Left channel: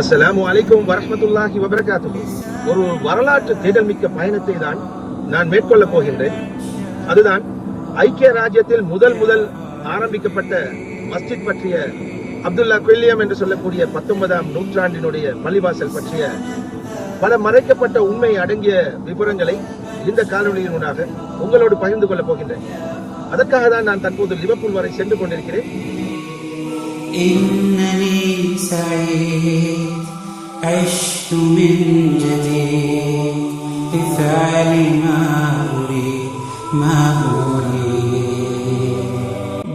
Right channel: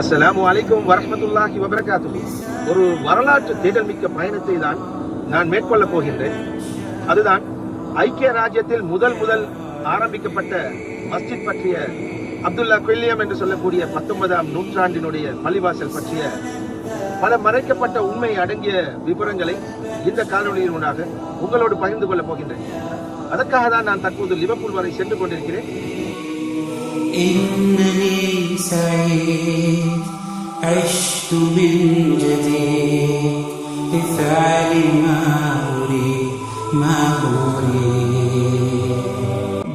அஸ்ஸலாமு அலைக்கும் வரமத்துல்லாஹி வபரகாத்து ஒரு வரலாற்று தேடல் மிக்க பயணத்தை தான் நான் மேற்கொள்ளப் போகின்றேன். அதுதான் ஐக்கிய ராஜ்யத்தில் முதல் முதல் ஆரம்பிக்கப்பட்ட மஸ்ஜித் பற்றிய அப்துல்லா கொல்லியம் என்று சொல்லக்கூடிய பத்தொன்பதாம் நூற்றாண்டினுடைய பள்ளிவாசல் பற்றிய பல மறைக்கப்பட்ட உண்மை அடங்கிய விவரங்களை இந்த காணொலியினூடாக உங்களோடு பகிர்ந்து கொள்ளப் போகின்றேன். அதற்காக தான் நான் தற்போது லிவர்பூல் வரை சென்று கொண்டிருக்கிறேன். إنني سعيد عشت من جديد. بفعل ما أريد ما أريد.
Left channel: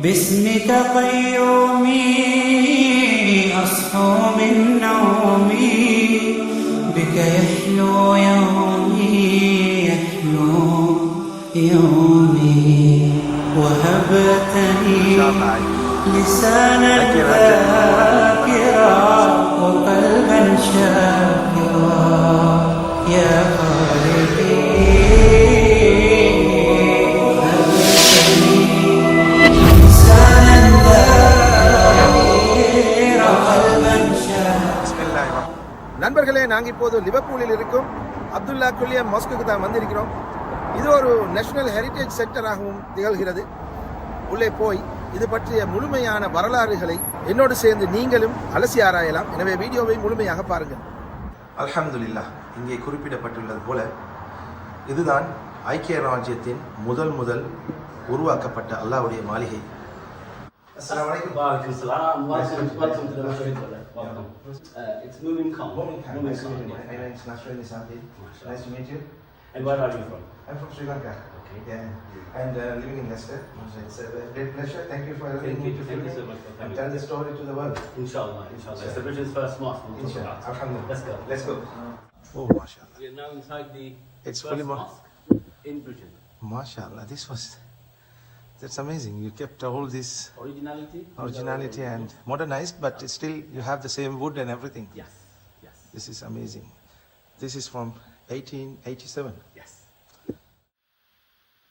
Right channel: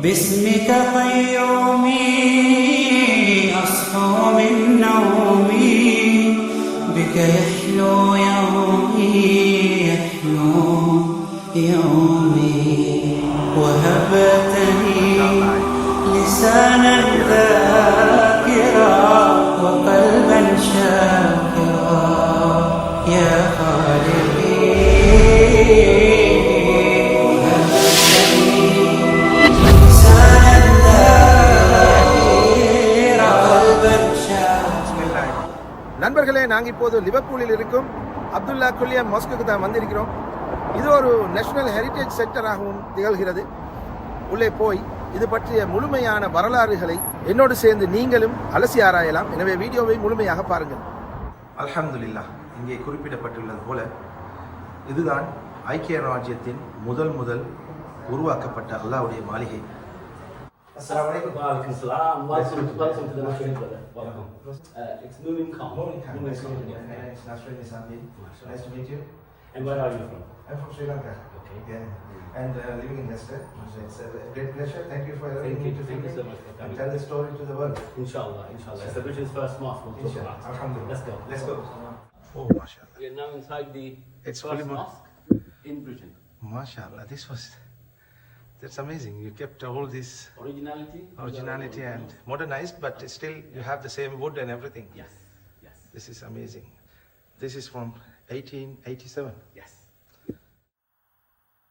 باسمك قيومي أصحو من نومي. بك يحلو يومي يحلو يومي. وهبتني لسانا ذاكرا وقلبا شاكرا يا خالقي لسانا ذاكرا قلبا شاكرا நண்பர்களே நாங்க இப்போது லிவர்பூலில் இருக்கும் அப்துல்லா குல்லியம் மாஸ்குக்கு தான் வந்திருக்கிறோம் இது ஒரு நேஷனல் ஹெரிட்டேஜ் சென்டராகவும் திகழ்கிறது உள்ளே போய் இது பற்றிய முழுமையான வரலாறுகளை என்னோடு சேர்ந்து நீங்களும் அலசி ஆராயலாம் எனவே வீடியோவை முழுமையாக பாருங்கள் அல்ஹம்துலில்லாஹ் இங்கே குறிப்பிடப்பட்டுள்ளது போல இதுதான் ஐக்கிய ராஜ்யத்தின் முதல் முதல் உருவாக்கப்பட்ட அல்லாஹ்வுடைய மாளிகை அஸ்ஸலாமு அலைக்கும் Walaikum salam. Welcome, welcome to the National brother. Welcome. Uh, it's Moomin Khan. Morning, Khan. Moomin Nice to Khan. meet you. My name is Nasruddin Nisambi. Mashallah. Nice to meet you. And where are you from? I'm from Sri Lanka. Okay. Yeah. And uh, living in Leicester. It's a great pleasure. Thank you for allowing Thank me you. to Thank film you so it much for and coming. tell the story to the world. Inshallah, inshallah. It's the British first mosque. We'll talk Inshallah. about. Alhamdulillah. Let's go. Let's go. Oh, mashallah. We're now inside the It's first fully mo- mosque in Britain. Mashallah. This was. That's amazing. You kept all this Originality? originality and modernized, but still you have the same wood and everything. Yes. Yes. This is amazing. This is from 1887. Yes.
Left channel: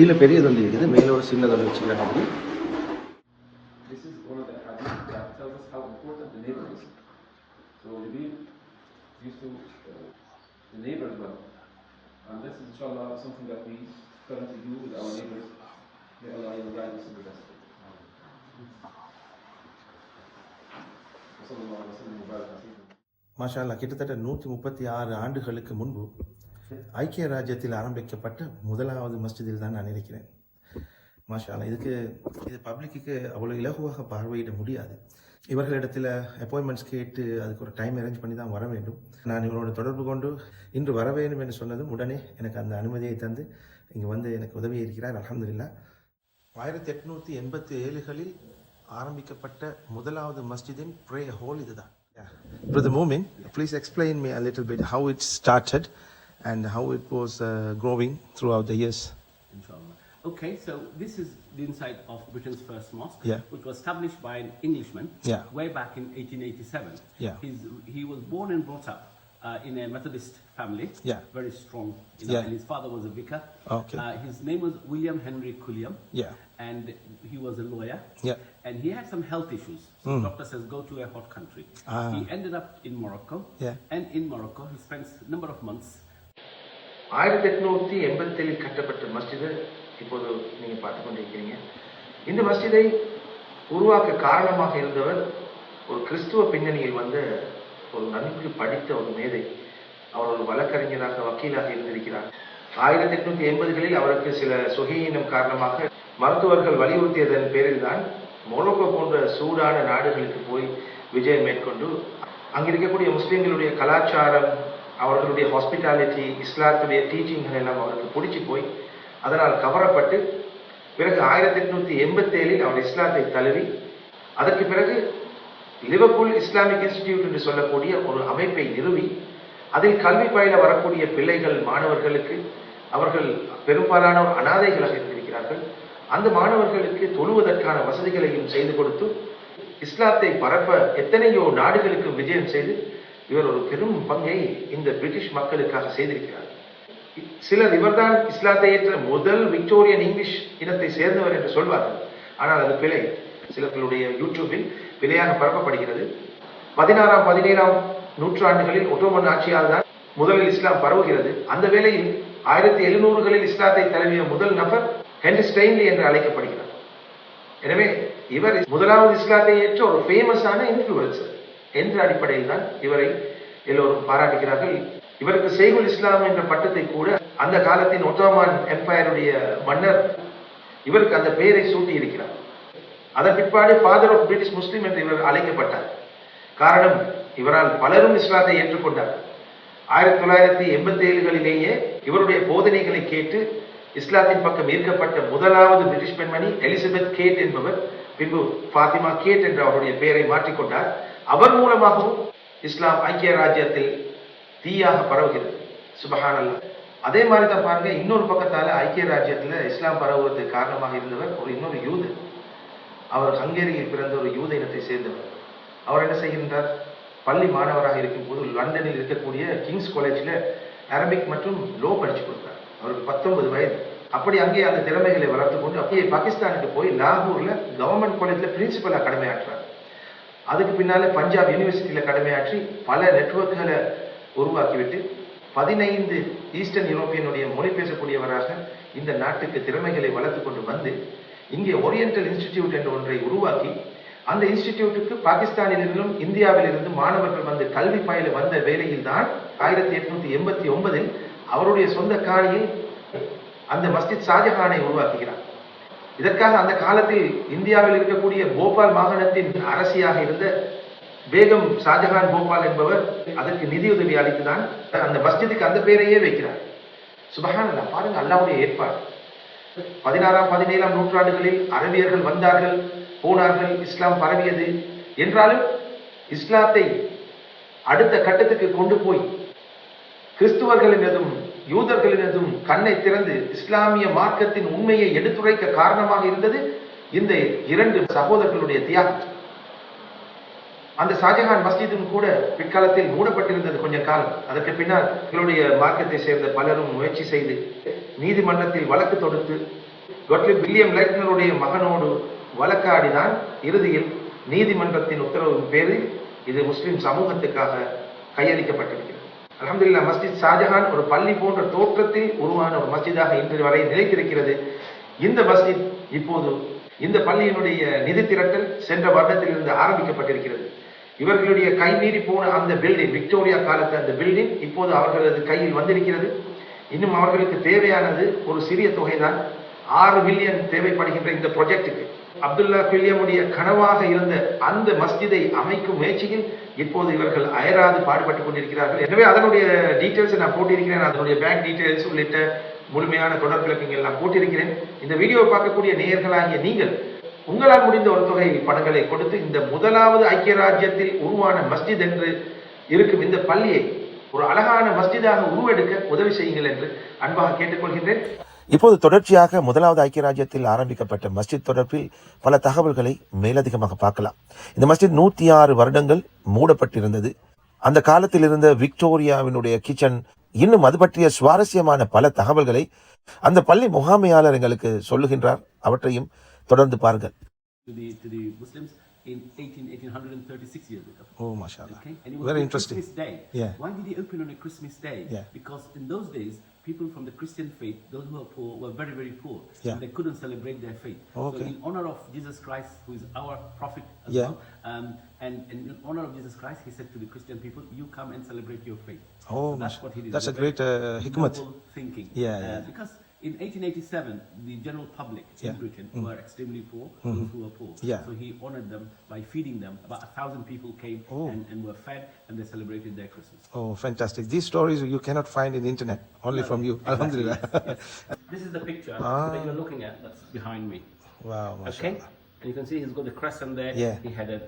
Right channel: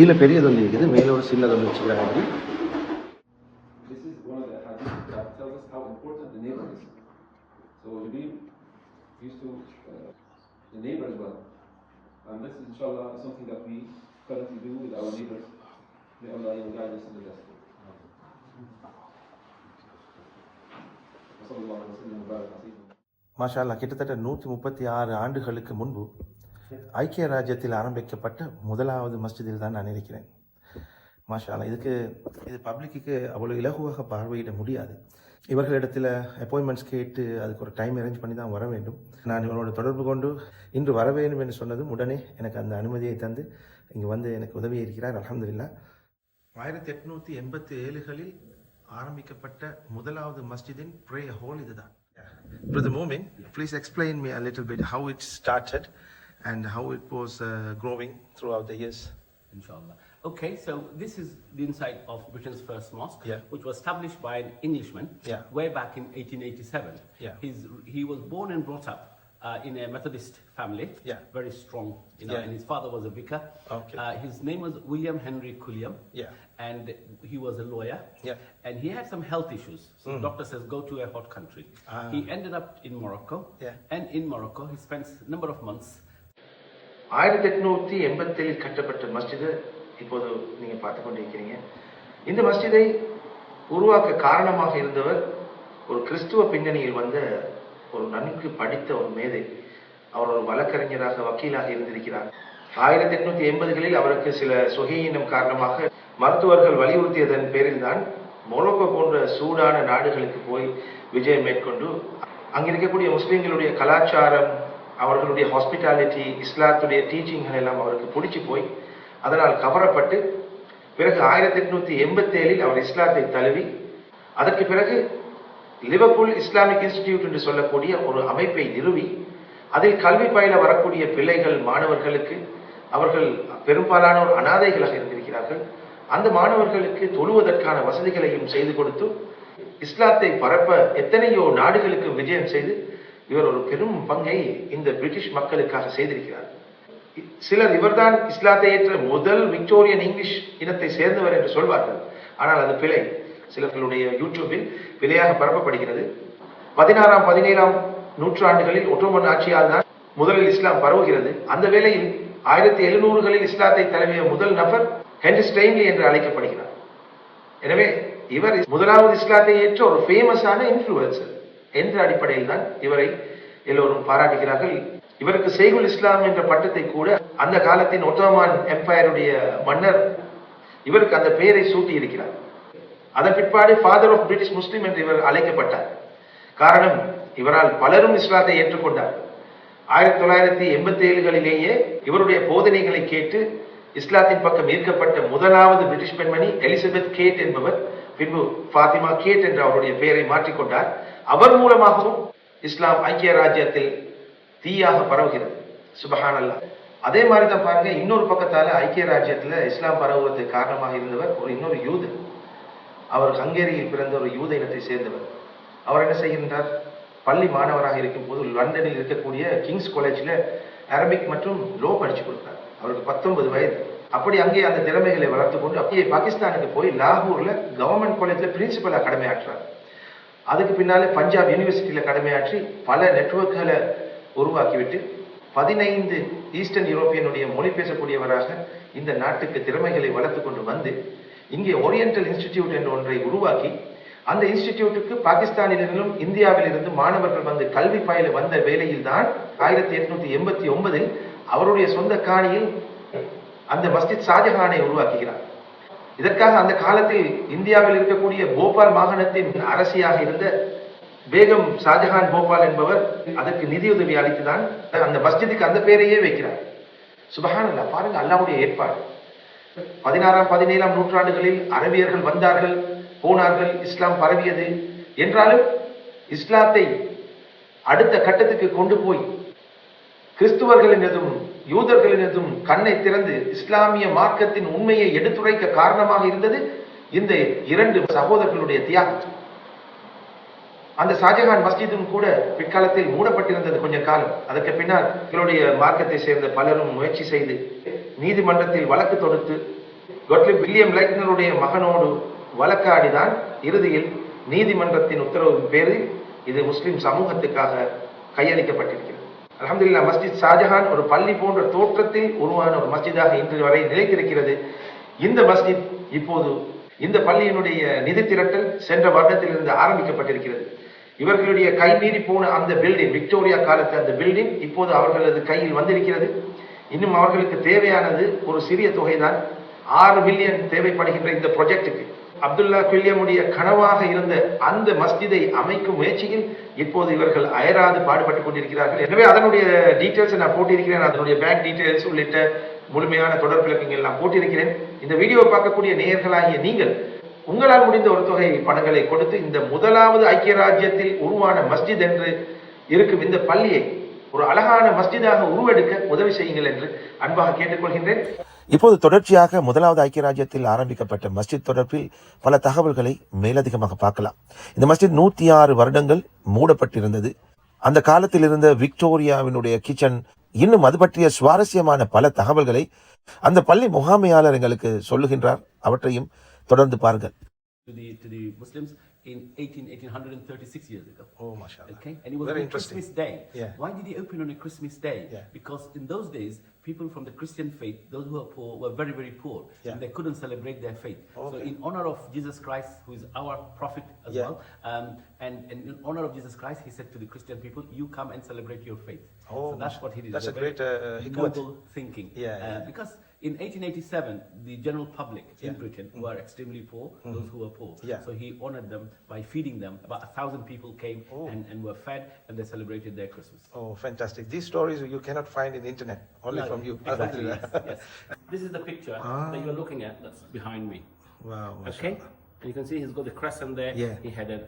கீழே பெரிய தொந்தி இருக்குது மேலே ஒரு சின்ன தொந்தி வச்சுக்கிறாங்க அப்படி the neighbor as well. And this is inshallah something that we currently do with our neighbors. May Allah guide us in the best. மாஷா அல்லா கிட்டத்தட்ட நூற்றி முப்பத்தி ஆறு ஆண்டுகளுக்கு முன்பு ஐக்கிய ராஜ்யத்தில் ஆரம்பிக்கப்பட்ட முதலாவது மஸ்ஜிதில் தான் நான் இருக்கிறேன். மாஷாலா இதுக்கு இது பப்ளிக்கு அவ்வளோ இலகுவாக பார்வையிட முடியாது. இவர்களிடத்தில் அப்பாயின்மெண்ட்ஸ் கேட்டு அதுக்கு ஒரு டைம் அரேஞ்ச் பண்ணி தான் வர வேண்டும். நான் இவரோட தொடர்பு கொண்டு இன்று வர வேண்டும் என்று சொன்னதும் உடனே எனக்கு அந்த அனுமதியை தந்து இங்கே வந்து எனக்கு உதவி இருக்கிறார். அலமதுல்லா ஆயிரத்தி எட்நூற்றி எண்பத்தி ஏழுகளில் ஆரம்பிக்கப்பட்ட முதலாவது மஸ்ஜிதின் ப்ரே ஹோல் இதுதான். Brother Mumin please explain me a little bit how it started and how it was uh, growing throughout the years. Inshallah. Okay, so this is the inside of Britain's first mosque, Yeah. which was established by an Englishman Yeah. way back in 1887. Yeah. He's, he was born and brought up uh, in a Methodist family, Yeah. very strong, you know, Yeah. and his father was a vicar. Okay. Uh, his name was William Henry Culliam. Yeah. And he was a lawyer. Yeah. And he had some health issues. So doctor says go to a hot country. Ah. He ended up in Morocco. Yeah. And in Morocco, he spent a number of months ஆயிரத்தி எட்நூத்தி எண்பத்தேழில் கட்டப்பட்ட மஸ்ஜிது இப்போது நீங்க பார்த்து கொண்டிருக்கிறீங்க. இந்த மஸ்ஜிதை உருவாக்க காரணமாக இருந்தவர் ஒரு கிறிஸ்துவ பின்னணியில் வந்த ஒரு நன்கு படித்த ஒரு மேதை. அவர் ஒரு வழக்கறிஞராக வக்கீலாக இருந்திருக்கிறார். ஆயிரத்தி எட்நூத்தி எண்பதுகளில் அவருக்கு சில சுகையினம் காரணமாக மருத்துவர்கள் வலியுறுத்தியதன் பேரில் தான் மொரோக்கோ போன்ற சூடான நாடுகளுக்கு போய் விஜயம் மேற்கொண்டு அங்கிருக்கக்கூடிய முஸ்லிம்களுடைய கலாச்சாரம் அவர்களுடைய ஹாஸ்பிட்டாலிட்டி இஸ்லாத்துடைய டீச்சிங்கள் எல்லாம் அவருக்கு பிடிச்சி போய் அதனால் கவரப்பட்டு பிறகு ஆயிரத்தி எட்நூத்தி எண்பத்தேழில் அவர் இஸ்லாத்தை தழுவி அதற்கு பிறகு லிவர்பூல் இஸ்லாமிக் இன்ஸ்டிடியூட் என்று சொல்லக்கூடிய ஒரு அமைப்பை நிறுவி அதில் கல்வி பயில வரக்கூடிய பிள்ளைகள் மாணவர்களுக்கு அவர்கள் பெரும்பாலானோர் அனாதைகளாக இருந்திருக்கிறார்கள். அந்த மாணவர்களுக்கு தொழுவதற்கான வசதிகளையும் செய்து கொடுத்து இஸ்லாத்தை பரப்ப எத்தனையோ நாடுகளுக்கு விஜயம் செய்து இவர் ஒரு பெரும் பங்கை இந்த பிரிட்டிஷ் மக்களுக்காக செய்திருக்கிறார். சிலர் இவர்தான் இஸ்லாத்தை ஏற்ற முதல் விக்டோரியன் இங்கிலீஷ் இனத்தை சேர்ந்தவர் என்று சொல்வார்கள். ஆனால் அது பிழை. சிலர்களுடைய யூடியூபில் பிழையாக பரப்பப்படுகிறது. பதினாறாம் பதினேழாம் நூற்றாண்டுகளில் ஒட்டோமன் ஆட்சியால் தான் முதலில் இஸ்லாம் பரவுகிறது. அந்த வேளையில் ஆயிரத்தி எழுநூறுகளில் இஸ்லாத்தை தழுவிய முதல் நபர் ஹென்ரி ஸ்டெயின்லி என்று அழைக்கப்படுகிறார். எனவே இவர் முதலாவது இஸ்லாத்தை ஏற்ற ஒரு ஃபேமஸான இன்ஃப்ளூயன்சர் என்ற அடிப்படையில் தான் இவரை எல்லோரும் பாராட்டுகிறார்கள். இவருக்கு செய்குல் இஸ்லாம் என்ற பட்டத்தை கூட அந்த காலத்தின் ஒட்டோமான் எம்பையருடைய மன்னர் இவருக்கு அந்த பெயரை சூட்டி இருக்கிறார் அதன் பிற்பாடு ஃபாதர் ஆஃப் பிரிட்டிஷ் முஸ்லீம் என்று இவர் அழைக்கப்பட்டார். காரணம் இவரால் பலரும் இஸ்லாத்தை ஏற்றுக்கொண்டார். ஆயிரத்தி தொள்ளாயிரத்தி எண்பத்தி ஏழுகளிலேயே இவருடைய போதனைகளை கேட்டு இஸ்லாத்தின் பக்கம் ஈர்க்கப்பட்ட முதலாவது பிரிட்டிஷ் பெண்மணி எலிசபெத் கேட் என்பவர் பின்பு ஃபாத்திமா கேட் என்ற அவருடைய பெயரை மாற்றிக்கொண்டார். அவர் மூலமாகவும் இஸ்லாம் ஐக்கிய ராஜ்யத்தில் தீயாக பரவுகிறது. சுபஹான் அல்லாஹ் அதே மாதிரி தான் பாருங்க இன்னொரு பக்கத்தால ஐக்கிய ராஜ்யத்துல இஸ்லாம் பரவுவதற்கு காரணமாக இருந்தவர் ஒரு இன்னொரு யூதர் அவர் ஹங்கேரியில் பிறந்த ஒரு யூத இனத்தை சேர்ந்தவர். அவர் என்ன செய்கின்றார்? பள்ளி மாணவராக இருக்கும் போது லண்டனில் இருக்கக்கூடிய கிங்ஸ் காலேஜில் அரபிக் மற்றும் லோ படிச்சு கொடுத்தார். அவருக்கு பத்தொன்பது வயது. அப்படி அங்கே அந்த திறமைகளை வளர்த்து கொண்டு அப்படியே பாகிஸ்தானுக்கு போய் லாகூர்ல கவர்மெண்ட் காலேஜில் பிரின்சிபலாக கடமையாற்றார் அதுக்கு பின்னாலே பஞ்சாப் யூனிவர்சிட்டியில் கடமையாற்றி பல நெட்வொர்க்குகளை உருவாக்கிவிட்டு பதினைந்து ஈஸ்டர்ன் யூரோப்பியனுடைய மொழி பேசக்கூடியவராக இந்த நாட்டுக்கு திறமைகளை வளர்த்து கொண்டு வந்து இங்கே ஓரியண்டல் இன்ஸ்டிடியூட் என்ற ஒன்றை உருவாக்கி அந்த இன்ஸ்டிடியூட்டுக்கு பாகிஸ்தானிலிருந்தும் இந்தியாவிலிருந்து மாணவர்கள் வந்து கல்வி பயில வந்த வேளையில் தான் ஆயிரத்தி எட்நூத்தி எண்பத்தி ஒன்பதில் அவருடைய சொந்த காணியில் அந்த மஸ்ஜித் ஷாஜஹானை உருவாக்குகிறார். இதற்காக அந்த காலத்தில் இந்தியாவில் இருக்கக்கூடிய போபால் மாகாணத்தின் அரசியாக இருந்த பேகம் ஷாஜஹான் போபால் என்பவர் அதற்கு நிதியுதவி அளித்துதான் அந்த மஸ்ஜிதுக்கு அந்த பேரையே வைக்கிறார். சுபஹான் அல்லா பாருங்க அல்லாவுடைய ஏற்பாடு. பதினாறாம் பதினேழாம் நூற்றாண்டுகளில் அரபியர்கள் வந்தார்கள் போனார்கள் இஸ்லாம் பரவியது. என்றாலும் இஸ்லாத்தை அடுத்த கட்டத்துக்கு கொண்டு போய் கிறிஸ்துவர்களினதும் யூதர்களினதும் கண்ணை திறந்து இஸ்லாமிய மார்க்கத்தின் உண்மையை எடுத்துரைக்க காரணமாக இருந்தது இந்த இரண்டு சகோதரர்களுடைய தியாகம். அந்த ஷாஜஹான் மஸ்ஜிதும் கூட பிற்காலத்தில் மூடப்பட்டிருந்தது கொஞ்ச காலம். அதற்கு பின்னால் எங்களுடைய மார்க்கத்தை சேர்ந்த பலரும் முயற்சி செய்து நீதிமன்றத்தில் வழக்கு தொடுத்து கொட்லிப் வில்லியம் லைட்னருடைய மகனோடு வழக்காடிதான் இறுதியில் நீதிமன்றத்தின் உத்தரவின் பேரில் இது முஸ்லிம் சமூகத்துக்காக கையளிக்கப்பட்டிருக்கிறது. அலமதுல்லா மஸ்ஜித் ஷாஜஹான் ஒரு பள்ளி போன்ற தோற்றத்தில் உருவான ஒரு மஸ்ஜிதாக இன்று வரை நிலைத்திருக்கிறது. இந்த மஸ்ஜித் இப்போது இந்த பள்ளியினுடைய நிதி திரட்டல் சென்ற வருடத்திலிருந்து ஆரம்பிக்கப்பட்டிருக்கிறது. இவர்களுடைய கைமீறி போன அந்த பில்டிங் விக்டோரியா காலத்து அந்த பில்டிங் இப்போது அவர்களது கையில் வந்திருக்கிறது. இன்னும் அவர்களுக்கு தேவையானது ஒரு சிறிய தொகைதான். ஆறு மில்லியன் தேவைப்படுகின்ற இந்த ப்ரொஜெக்டுக்கு அப்துல்லா குல்லியமுடைய கனவாக இருந்த அந்த மஸ்ஜிதை அமைக்கும் முயற்சியில் இப்போது இவர்கள் அயராது பாடுபட்டுக் கொண்டிருக்கிறார்கள். எனவே அதனுடைய டீட்டெயில்ஸ் நான் போட்டிருக்கிறேன். அதனுடைய பேங்க் டீட்டெயில்ஸ் உள்ளிட்ட முழுமையான தொடர் விளக்கங்கள் நான் போட்டிருக்கிறேன். இந்த வீடியோ பார்க்கக்கூடிய நேயர்களாகிய நீங்கள் உங்களால் முடிந்த ஒரு தொகை பணங்களை கொடுத்து இந்த முதலாவது ஐக்கிய ராஜ்யத்தில் உருவான மஸ்ஜித் என்று இருக்கும் இந்த பள்ளியை ஒரு அழகான மஸ்ஜிதாக உருவெடுக்க உதவி செய்யுங்கள் என்று அன்பாக கேட்டுக்கொள்கின்றேன். இப்போது தொடர்ச்சியாக முதலாவது ஐக்கிய ராஜ்யத்தில் ஆரம்பிக்கப்பட்ட மஸ்ஜித் தொடர்பில் பல தகவல்களை மேலதிகமாக பார்க்கலாம். இந்த மஸ்ஜித் நூத்தி ஆறு வருடங்கள் மூடப்பட்டிருந்தது. அந்த காலத்தில் இருந்த விக்டோரியாவினுடைய கிச்சன் இன்னும் அது பற்றிய சுவாரஸ்யமான பல தகவல்களை அந்த பள்ளி முகாமையாளர் எங்களுக்கு சொல்லுகின்றார். அவற்றையும் தொடர்ந்து பாருங்கள். To the to the Muslims in 18, 1836 years ago. Oh, mashallah. Okay, and it was Very on interesting. Christmas Day. Yeah. Why did he open on a Christmas Day? Yeah. Because in those days, people from the Christian faith, those who were poor, were very very poor, Yeah. and they couldn't celebrate their faith. So, in honor of Jesus Christ, who is our prophet as Yeah. well, um, and, and in honor of Jesus Christ, he said to the Christian people, "You come and celebrate your faith." Oh, so that's what he did. that's It's a great, uh, hikmat. thinking. Yeah, Uh, yeah. because in 1887, the general public in Yeah. Mm. Britain were extremely poor, those who were poor. Yeah. So he honored them by feeding them. About a thousand people came and, and were fed, and they celebrated their Christmas. Oh, fantastic. These stories you cannot find in the internet, only No, from you. Exactly. Yes, yes. This is the picture Ah. that you're looking at. That's behind me. Wow, Okay. mashallah. And you can see he's got the crescent there. Yeah. He had a,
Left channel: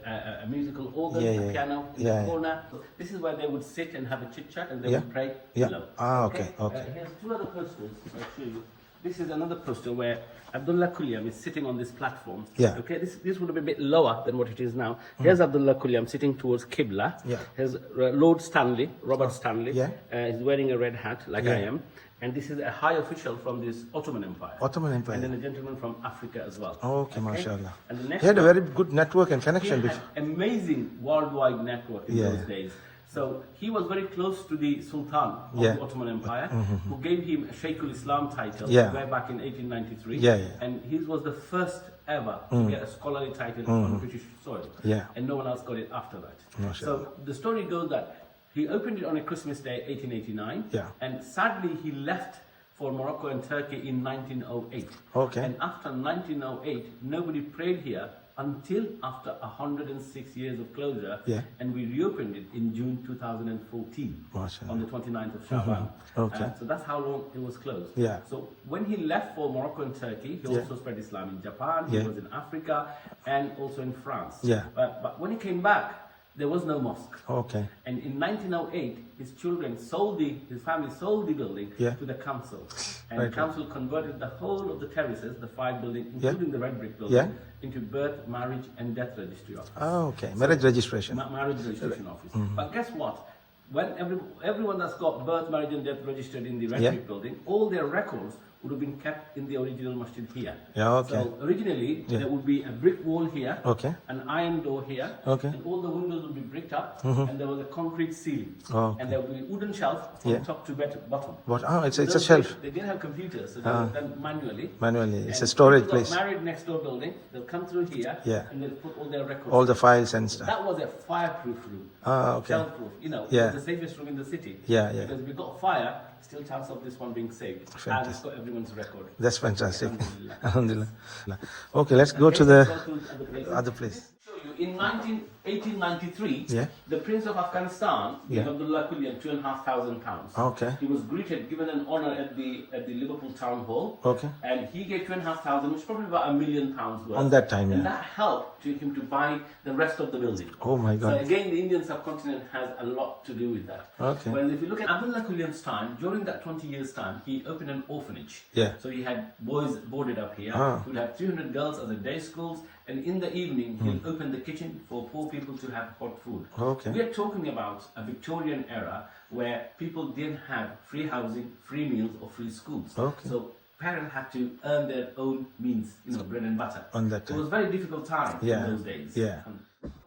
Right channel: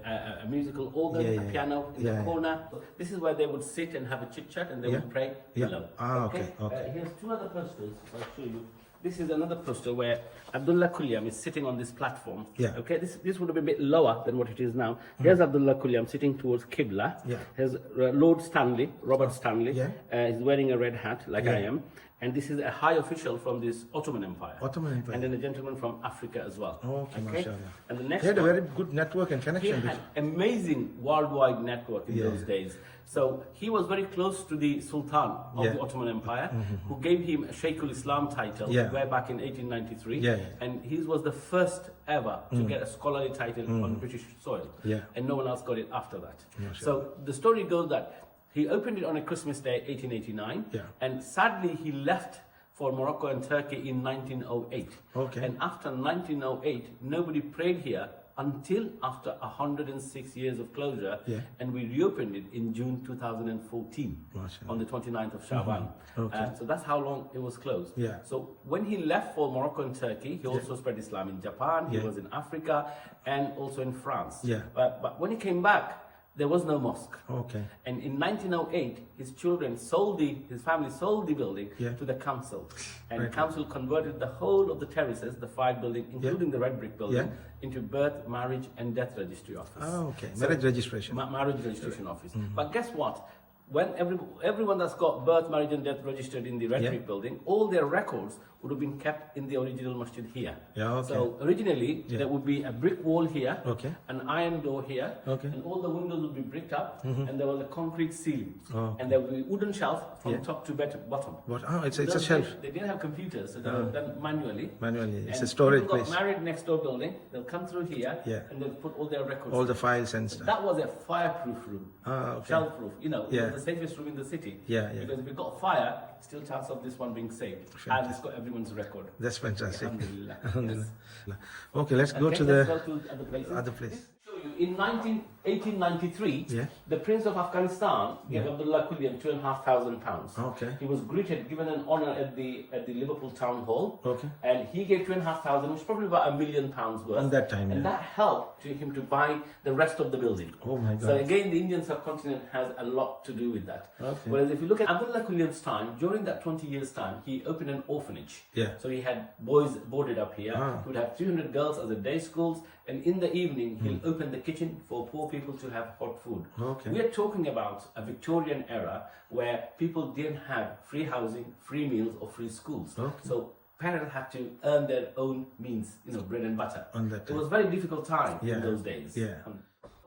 a, a musical organ, Yeah, a piano in Yeah. the corner. This is where they would sit and have a chit chat and they Yeah. would pray Yeah. Ah, okay, okay. Uh, here's two other posters. I'll show you. This is another poster where Abdullah Kuliam is sitting on this platform. Yeah. Okay. This this would have been a bit lower than what it is now. Here's Abdullah Kuliam sitting towards Qibla. Yeah. Here's uh, Lord Stanley, Robert Stanley. Yeah. Uh, he's wearing a red hat like I am. And this is a high official from this Ottoman Empire. Ottoman Empire. And then a gentleman from Africa as well. Okay, mashallah. And the next He had a very good network and he connection. had with- amazing worldwide network in Yeah. those days. So he was very close to the Sultan of Yeah. the Ottoman Empire, mm-hmm, mm-hmm. who gave him a Sheikhul Islam title Yeah. way back in 1893. Yeah, yeah. And he was the first ever to mm. get a scholarly title mm-hmm. on British soil. Yeah. And no one else got it after that. Mashallah. So the story goes that he opened it on a Christmas day, 1889. Yeah. And sadly, he left for Morocco and Turkey in 1908. Okay. And after 1908, nobody prayed here until after 106 years of closure. Yeah. And we reopened it in June 2014 Mashallah. on the 29th of Shaban. Okay. Uh, so that's how long it was closed. Yeah. So when he left for Morocco and Turkey, he also spread Islam in Japan, yeah. he was in Africa, and also in France. Yeah. Uh, but when he came back, there was no mosque. Okay. And in 1908, his children sold the, his family sold the building Yeah. to the council. And Right. council converted the whole of the terraces, the five buildings, including the red brick building, Yeah. into birth, marriage, and death registry office. Ah, okay. Marriage registration. Ma- marriage registration office. Mm-hmm. But guess what? When every, everyone that's got birth, marriage, and death registered in the red Yeah. brick building, all their records would have been kept in the original masjid here. Yeah, okay. So originally Yeah. there would be a brick wall here, Okay. an iron door here, Okay. Mm-hmm. and all the windows would be bricked up, and there was a concrete ceiling, Okay. and there would be wooden shelf from Yeah. top to bottom. What? Ah, it's, it's a shelf. days, They didn't have computers, so they were done manually. Manually. It's a storage place. married next door building, they'll come through here, Yeah. and they'll put all their records. All the files and stuff. That was a fireproof room. Ah, okay. Shell-proof. You know, Yeah. the safest room in the city. Yeah, yeah. Because if it got fire, still chance of this one being saved. And it's got everyone's record. That's fantastic. Alhamdulillah. Alhamdulillah. Okay, let's go Okay, to the go to other places. other place. In 19, 1893, Yeah. the Prince of Afghanistan gave Yeah. Abdullah Kulian two and a half thousand pounds. Okay. He was greeted, given an honor at the at the Liverpool Town Hall. Okay. And he gave two and a half thousand, which is probably about a million pounds worth. On that time, And yeah. that helped to him to buy the rest of the building. Oh my God. So again, the Indian subcontinent has a lot to do with that. Okay. Whereas if you look at Abdullah Kulian's time, during that 20 years' time, he opened an orphanage. Yeah. So he had boys boarded up here. Ah. He would have 300 girls as a day schools, and in the evening he'll Hmm. open the kitchen for poor people to have hot food. Okay. We are talking about a Victorian era where people didn't have free housing, free meals, or free schools. Okay. So parents had to earn their own means, you know, bread and butter. On that time. It was a very difficult time Yeah. in those days. Yeah. Um,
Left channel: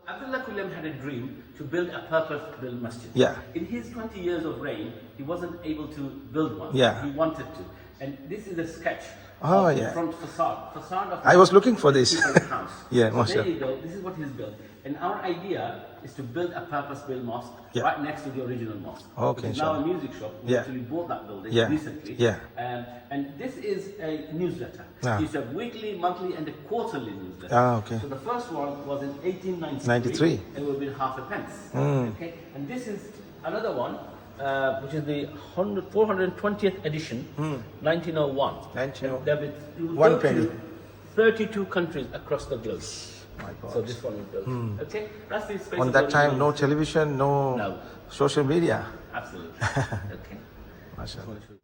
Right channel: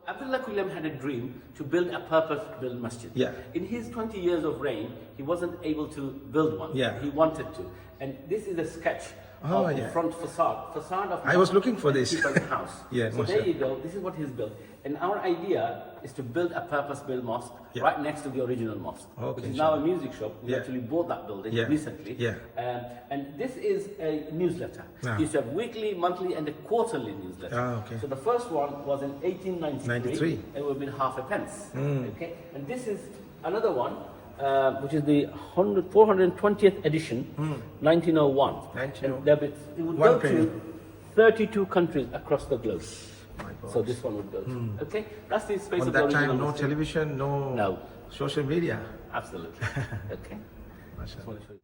Abdullah Kulam had a dream to build a purpose-built masjid. Yeah. In his 20 years of reign, he wasn't able to build one. Yeah. He wanted to. And this is a sketch Oh, of yeah. the front facade. Facade of I was looking for this. House. Yeah, so there you go. This is what he's built. And our idea is to build a purpose-built mosque Yeah. right next to the original mosque. Okay, Which is now a music shop. We Yeah. actually bought that building Yeah. recently. Yeah. Um, and this is a newsletter. Ah. To have weekly, monthly, and a quarterly newsletter. Ah, okay. So the first one was in 1893. 93. And it would have been half a pence. Hmm. Okay. And this is another one, uh, which is the 100, 420th edition, 1901. 1901. There be- it would One go penny. to 32 countries across the globe. My God. So this one would go. Okay, that's the space. On that time, no television, no, No. social media. Absolutely. okay.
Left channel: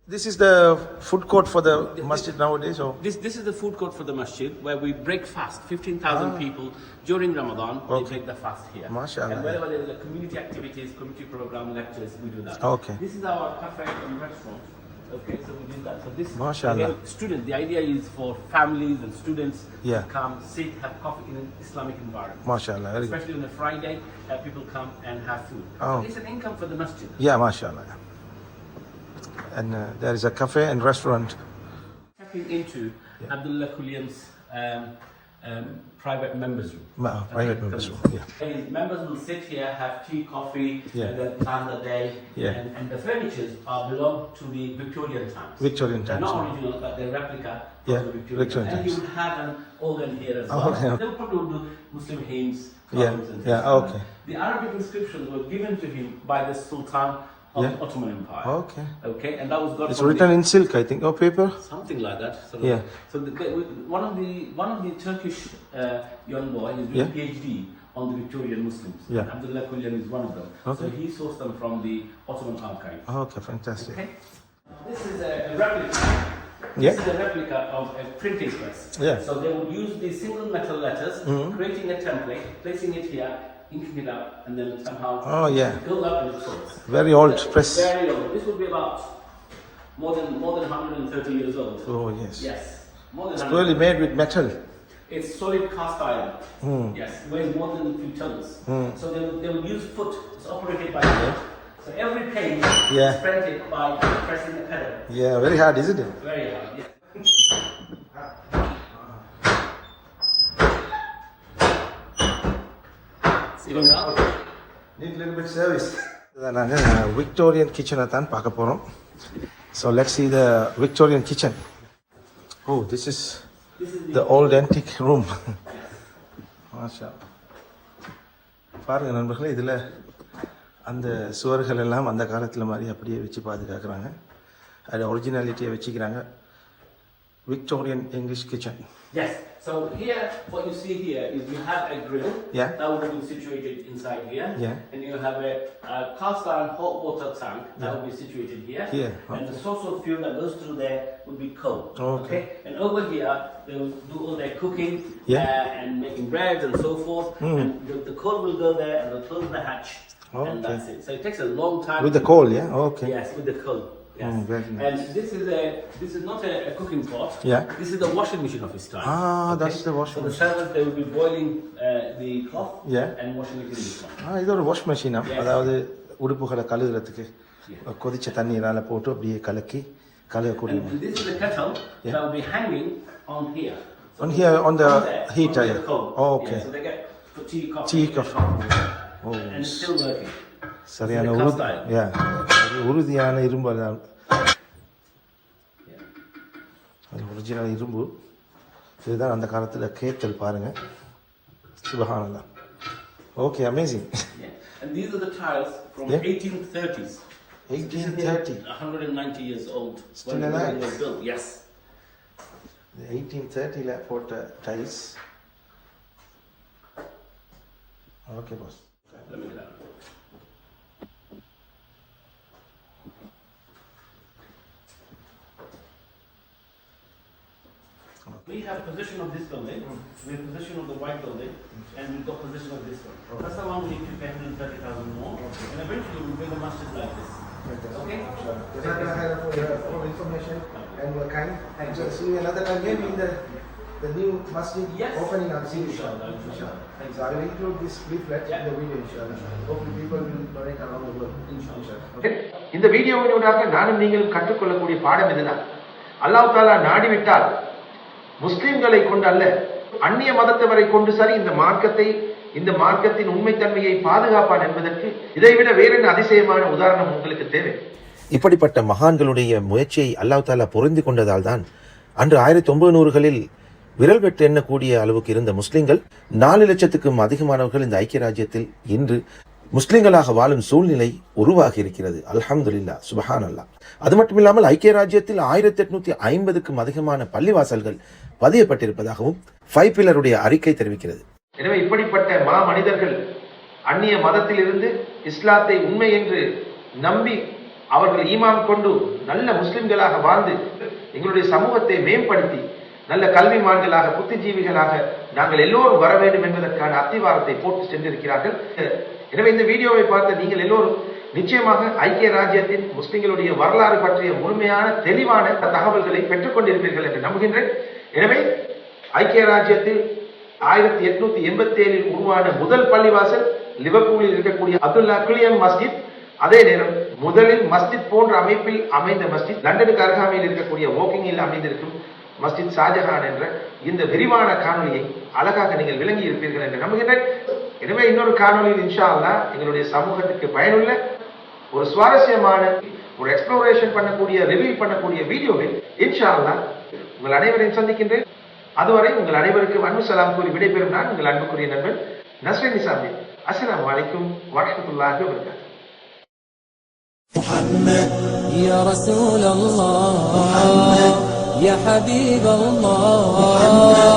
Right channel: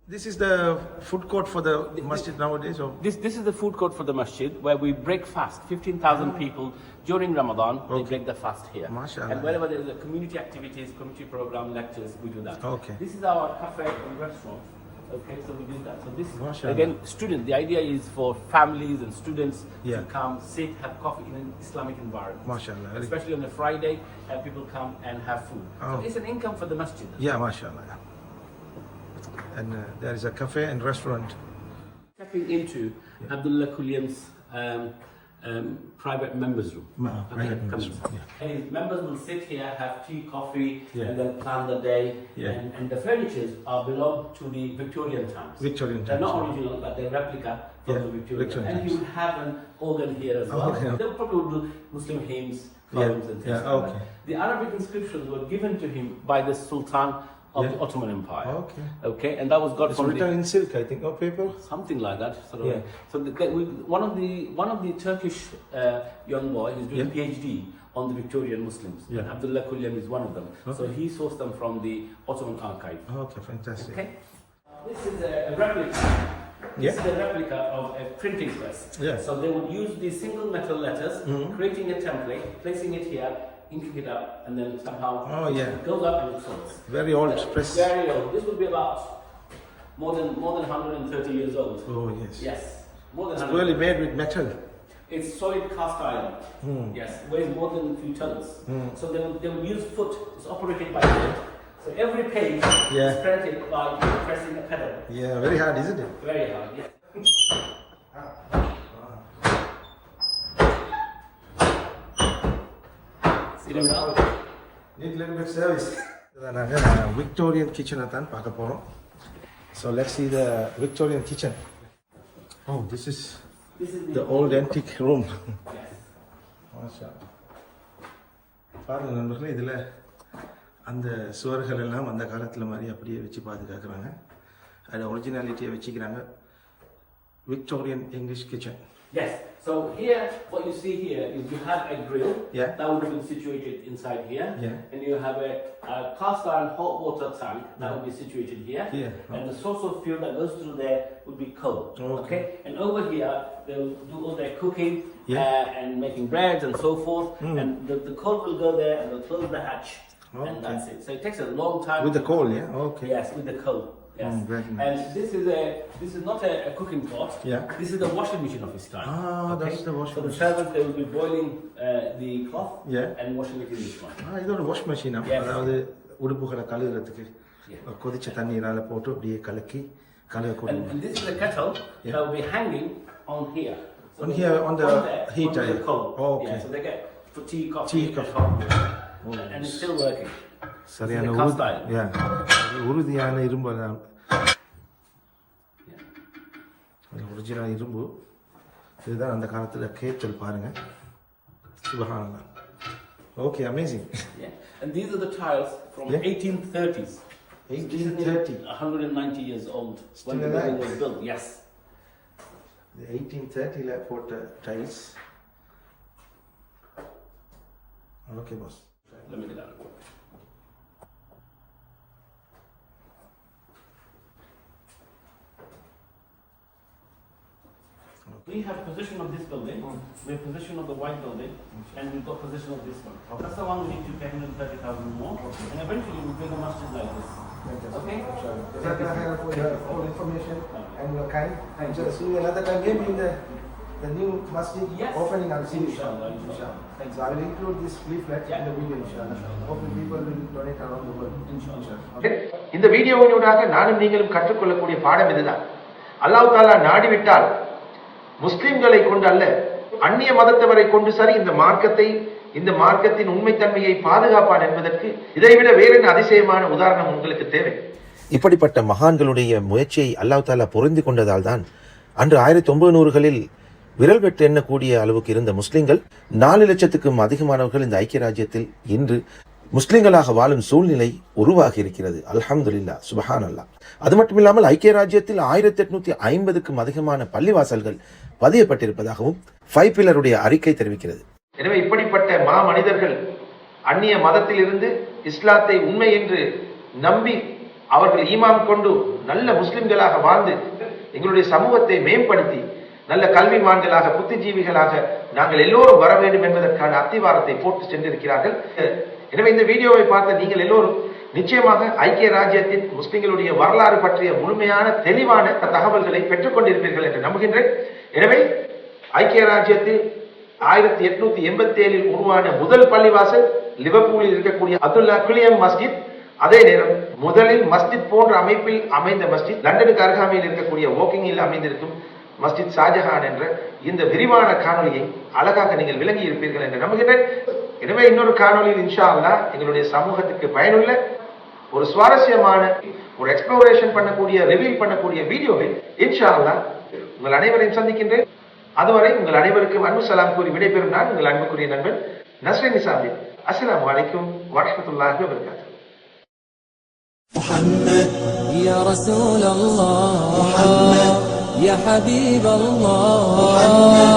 This is the food court for the masjid nowadays, or This, this is the food court for the masjid where we break fast. 15,000 people during Ramadan, they Ah. Okay. break the fast here. Mashallah. And wherever there is a community activities, community program, lectures, we do that. Okay. This is our cafe and restaurant. Okay, so we do that. So this Mashallah. again, student. The idea is for families and students Yeah. to come, sit, have coffee in an Islamic environment. MashaAllah. Especially on a Friday, uh, people come and have food. Oh. So it's an income for the masjid. Yeah, mashallah. And uh, there is a cafe and restaurant. Stepping into Abdullah Kulian's um, um, private members room. Ma- private Okay, members room, yeah. And members will sit here, have tea, coffee, Yeah. and then plan the day. Yeah. And, and the furnitures are belong to the Victorian times. Victorian times. They're not times, original, but they're replica from Yeah, the Victorian. Victorian times. and you have an organ here as Oh, well. okay. They'll probably do Muslim hymns, Yeah, and things like okay. that. The Arabic inscriptions were given to him by the Sultan of Yeah. the Ottoman Empire. Okay. Okay, and that was got It's from the- written in silk, I think, or paper. something like that. Sort of. Yeah. So the, the, one of the one of the Turkish uh, young boy is doing Yeah. PhD on the Victorian Muslims. Yeah. Abdullah Kulyan is one of them. Okay. So he sourced them from the Ottoman archive. Okay, fantastic. Okay. This is a, a replica. Yeah. This is a replica of a printing press. Yeah. So they would use these single metal letters, creating a template, placing it here, inking it up, and then somehow Oh, yeah. it goes up and it. Very old press. Very old. This would be about more than more than 130 years old. Oh, yes. Yes. More than It's really made with metal. It's solid cast iron. Hmm. Yes, weighs more than a few tons. So they will, they will use foot. It's operated by foot. So every page Yeah. is printed by pressing the pedal. Yeah, very hard, isn't it? Very hard. Yes. Service. இதை நாங்கள் Victorian கிச்சனை தான் பார்க்க போகிறோம் so let's see the Victorian kitchen oh this is the old antique room மாஷா பாருங்கள் நண்பர்களே இதில் அந்த சுவர்கள் எல்லாம் அந்த காலத்தில் மாதிரி அப்படியே வச்சு பாதுகாக்கிறாங்க. அதில் ஒரிஜினாலிட்டியை வச்சுக்கிறாங்க. Victorian English kitchen Yes. So here, what you see here is you have a grill Yeah. that would be situated inside here, Yeah. and you have a, a cast iron hot water tank that would be situated here, Here, and the source of fuel that goes through there would be coal. Okay. And over here, they will do all their cooking Yeah. Uh, and making breads and so forth, and the, the coal will go there and they'll close the hatch, Okay. and that's it. So it takes a long time. With the coal, yeah? Okay. Yes, with the coal. Yes. Mm, very nice. And this is a this is not a, a cooking pot. Yeah. This is the washing machine of his time. Ah, that's the washing So the machine. servants they will be boiling uh, the cloth Yeah. and washing it in this one. ஆ இது ஒரு wash மெஷினா Yes. அதாவது உடுப்புகளை கழுகுறதுக்கு Yeah. கொதிச்ச தண்ணீரால போட்டு அப்படியே கலக்கி கழுகக்கூடிய And, and this is the kettle Yeah. that will be hanging on here. So On here, on the there, heater, on the yeah. coal. Oh, okay. Yeah, so they get for tea, coffee, Tea, and coffee. hot water. Oh, And it's still working. சரியான It's a உறுதியான இரும்பு அதான் அது original இரும்பு இதுதான் அந்த காலத்தில் kettle பாருங்க சுபகானந்தான் okay amazing. And these are the tiles from Yeah. 1830s. Eighteen thirty 190 years old. Still when the alive? was built. Yes. Eighteen தேர்ட்டியில் போட்ட tiles okay boss We have possession of this building, we have possession of the white building, and we've got possession of this one. That's the one we need to pay 130,000 more, and eventually we'll build a masjid like this. Okay? Jazakallah for your all information and your kind. And so see you another time, maybe in the, the new masjid Yes. opening, I'll see you. Inshallah, inshallah. Thank So I will include this leaflet in the video, inshallah. Hopefully people will donate around the world. Inshallah. Okay. இந்த வீடியோவினூடாக நானும் நீங்களும் கற்றுக்கொள்ளக்கூடிய பாடம் இதுதான் அல்லாஹ் தாலா நாடிவிட்டால் முஸ்லிம்களை கொண்டு அல்ல அந்நிய மதத்தவரை கொண்டு சரி இந்த மார்க்கத்தை இந்த மார்க்கத்தின் உண்மைத்தன்மையை பாதுகாப்பான் என்பதற்கு இதைவிட வேறென்ன அதிசயமான உதாரணம் உங்களுக்கு தேவை? இப்படிப்பட்ட மகான்களுடைய முயற்சியை அல்லாஹ் தாலா புரிந்து கொண்டதால் தான் அன்று ஆயிரத்தி ஒன்பது விரல் வெட்டு எண்ணக்கூடிய அளவுக்கு இருந்த முஸ்லிம்கள் நாலு லட்சத்துக்கும் அதிகமானவர்கள் இந்த ஐக்கிய ராஜ்யத்தில் இன்று முஸ்லிம்களாக வாழும் சூழ்நிலை உருவாகி இருக்கிறது அல்ஹம்துல்லா சுபஹான் அல்லாஹ் அது மட்டும் இல்லாமல் ஐக்கிய ராஜ்யத்தில் ஆயிரத்தி எட்நூத்தி ஐம்பதுக்கும் அதிகமான பள்ளிவாசல்கள் பதியப்பட்டிருப்பதாகவும் ஃபைவ் பில்லருடைய அறிக்கை தெரிவிக்கிறது. எனவே இப்படிப்பட்ட மா மனிதர்கள் அந்நிய மதத்திலிருந்து இஸ்லாத்தை உண்மை என்று நம்பி அவர்கள் ஈமாம் கொண்டு நல்ல முஸ்லிம்களாக வாழ்ந்து எங்களுடைய சமூகத்தை மேம்படுத்தி நல்ல கல்விமான்களாக புத்திஜீவிகளாக நாங்கள் எல்லோரும் வர வேண்டும் என்பதற்கான அத்திவாரத்தை போட்டு சென்றிருக்கிறார்கள். எனவே இந்த வீடியோவை பார்த்த நீங்கள் எல்லோரும் நிச்சயமாக ஐக்கிய ராஜ்யத்தின் முஸ்லிம்களுடைய வரலாறு பற்றிய முழுமையான தெளிவான தகவல்களை பெற்றுக் கொண்டிருப்பீர்கள் என்று நம்புகின்றேன். எனவே ஐக்கிய ராஜ்யத்தில் ஆயிரத்தி எட்நூத்தி எண்பத்தி ஏழில் உருவான முதல் பள்ளிவாசல் லிவர்பூலில் இருக்கக்கூடிய அப்துல்லா குலியம் மஸ்ஜித். அதே நேரம் முதலில் மஸ்ஜித் போன்ற அமைப்பில் அமைந்த மஸ்ஜித் லண்டனுக்கு அருகாமையில் இருக்கக்கூடிய வாக்கிங்கில் அமைந்திருக்கும் மஸ்ஜித் ஷாஜஹான் என்ற இந்த விரிவான காணொளியை அழகாக நீங்கள் விளங்கி இருப்பீர்கள் என்று நம்புகிறேன் எனவே இன்னொரு காணொளியில் இன்ஷா அல்லா எங்களுடைய சமூகத்துக்கு பயனுள்ள ஒரு சுவாரஸ்யமான ஒரு எக்ஸ்ப்ளோரேஷன் பண்ணக்கூடிய ரிவீல் பண்ணக்கூடிய வீடியோவில் இன்ஷா அல்லாஹ் உங்கள் அனைவரையும் சந்திக்கின்றேன் அதுவரை உங்கள் அனைவருக்கும் அன்பு சலாம் கூறி விடைபெறும் நான் உங்கள் அன்புக்குரிய நண்பன் நஸ்ரின் நிசாமி அஸ்ஸலாமு அலைக்கும் வரஹ்மத்துல்லாஹி வபரகாத்துஹு يا رسول الله يا حبيب الله